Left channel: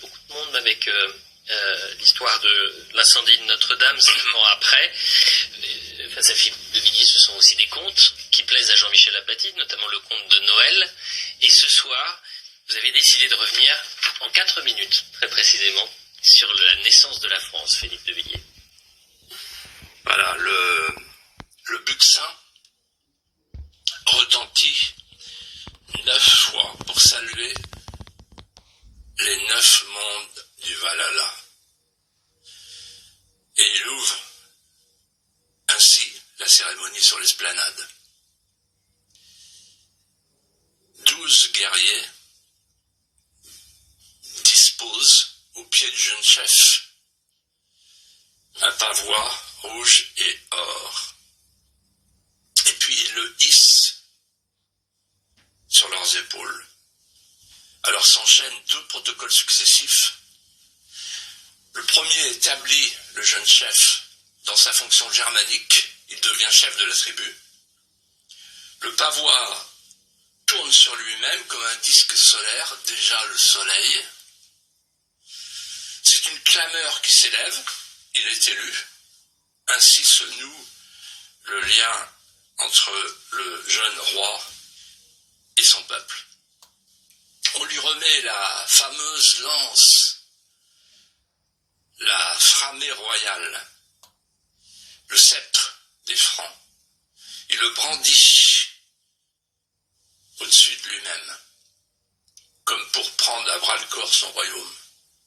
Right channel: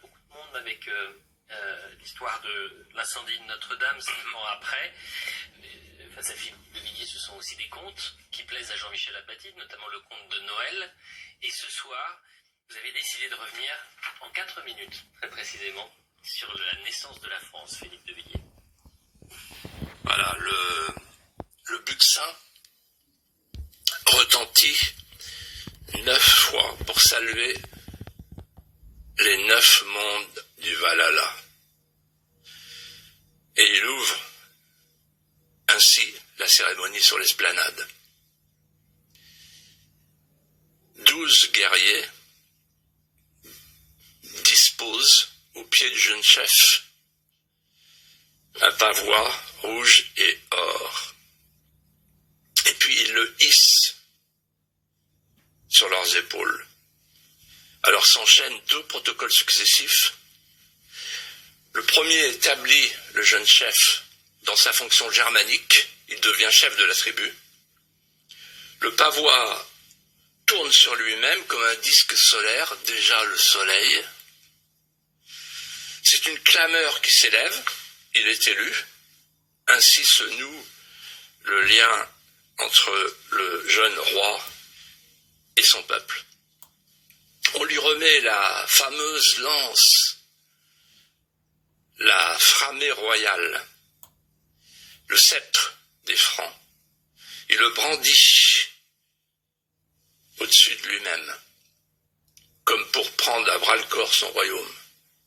beaucoup de monde avec l'histoire de l'incendie de Notre-Dame, 5 ans après. Face à Philippe de Villiers, ce sont aussi des contes qui plaisent à Jean-Michel Apathy, notamment le conte de Noël. Et ce soir, vous avez décidé de revenir en 4 minutes, très précisément, sur la naissance de la France, Philippe de Villiers. Voilà, le Buxin retentit 9 fois pour saluer les 9 mondes du Valhalla. Et il ouvre ainsi la cérémonie sur l'esplanade. 12 guerriers disposent au pied du jeune chef un pavois rouge et or. Et puis ils le hissent sur leurs épaules. Alors s'enchaînent 2 protocoles successifs. Le premier établit le jeune chef dans sa fonction germanique. Il devient chef de la tribu. Le pavois tourne sur lui-même comme un disque solaire, déjà le soleil. C'est une clameur qui s'élève. Il est élu. Ainsi se noue le lien entre le jeune roi et son peuple. On lui remet la fameuse lance, la framée royale, le sceptre des Francs. Il le brandit au-dessus de lui-même, comme pour prendre à bras-le-corps son royaume.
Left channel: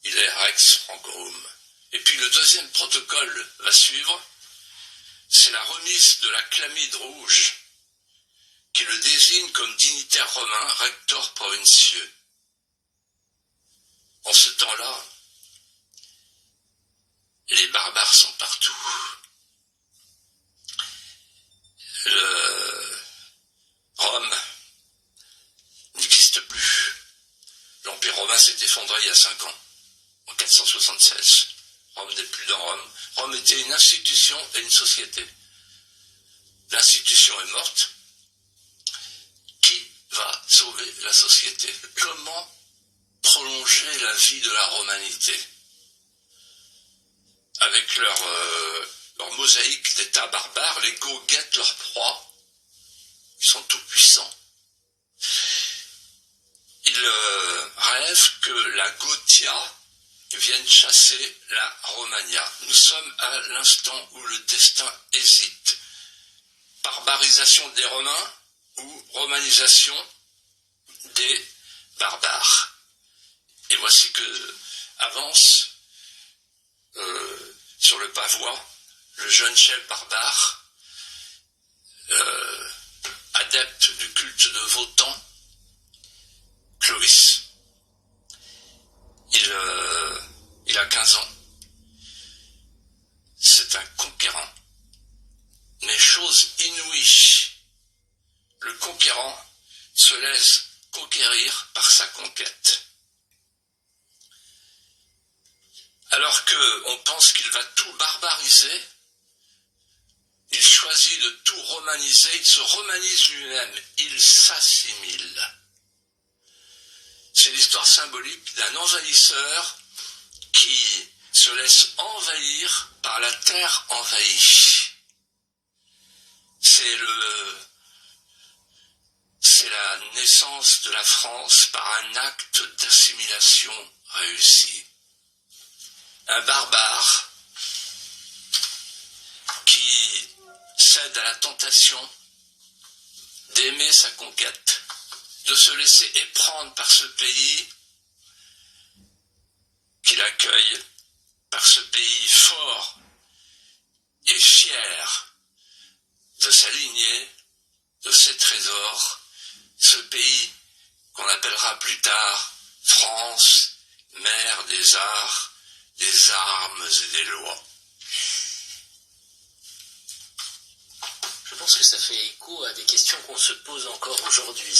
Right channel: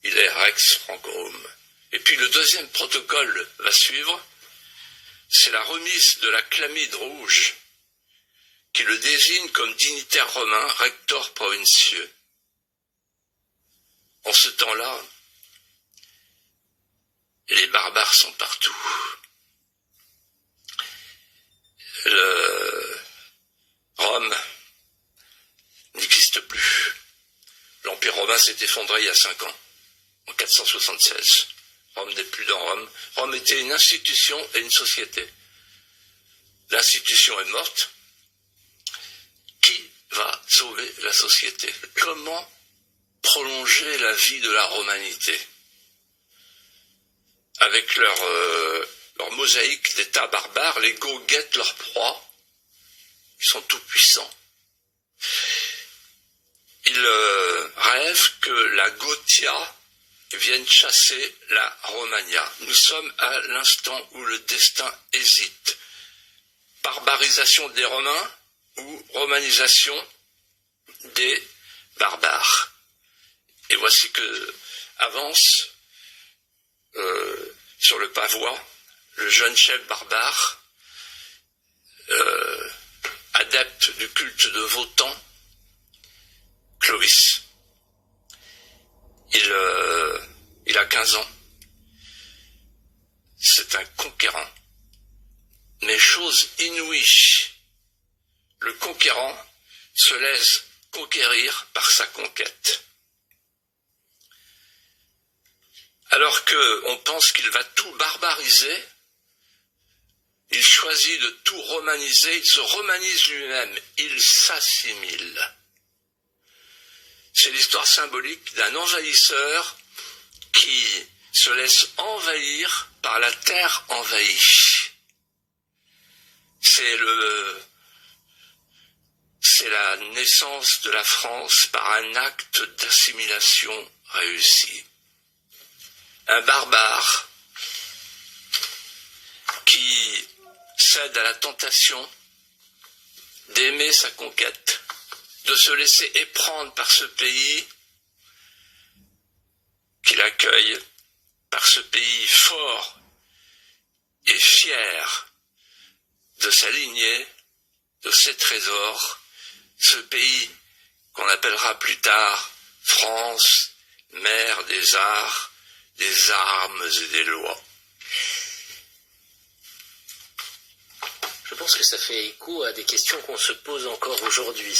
Il est Rex Francorum. Et puis le deuxième protocole va suivre, c'est la remise de la chlamyde rouge, qui le désigne comme dignitaire romain, rector provincieux. En ce temps-là, les barbares sont partout. Rome n'existe plus. L'Empire romain s'est effondré il y a 5 ans, en 476. Rome n'est plus dans Rome. Rome était une institution et une société. L'institution est morte. Qui va sauver la société? Comment prolonger la vie de la romanité? Avec leur mosaïque d'états barbares, les Goths guettent leur proie. Ils sont tout puissants. Ils rêvent que la Gothia vienne chasser la Romagna. Nous sommes à l'instant où le destin hésite. Barbarisation des Romains ou romanisation des barbares. Et voici que avance sur le pavois le jeune chef barbare, adepte du culte de Wotan, Clovis. Il a 15 ans. C'est un conquérant. Mais chose inouïe, le conquérant se laisse conquérir par sa conquête. Alors qu'on pense qu'il va tout barbariser, il choisit de tout romaniser, il se romanise lui-même, il s'assimile. C'est l'histoire symbolique d'un envahisseur qui se laisse envahir par la terre envahie. C'est la naissance de la France par un acte d'assimilation réussi. Un barbare qui cède à la tentation d'aimer sa conquête, de se laisser éprendre par ce pays qu'il accueille, par ce pays fort et fier de sa lignée, de ses trésors, ce pays qu'on appellera plus tard France, mère des arts, des armes et des lois. Je pense que ça fait écho à des questions qu'on se pose encore aujourd'hui.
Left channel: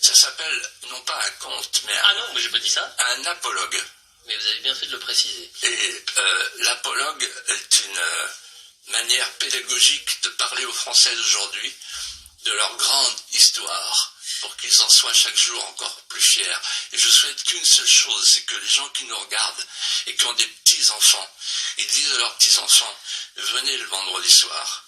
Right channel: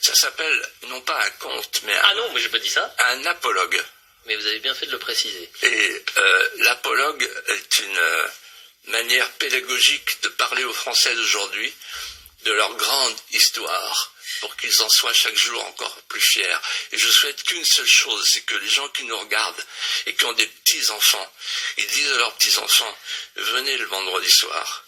Ça s'appelle non pas un conte, mais Ah non, mais j'ai pas dit ça. un apologue. Mais vous avez bien fait de le préciser. Et l'apologue est une manière pédagogique de parler aux Français d'aujourd'hui de leur grande histoire. pour qu'ils en soient chaque jour encore plus fiers. Et je souhaite qu'une seule chose, c'est que les gens qui nous regardent et qui ont des petits-enfants, ils disent à leurs petits-enfants, venez le vendredi soir,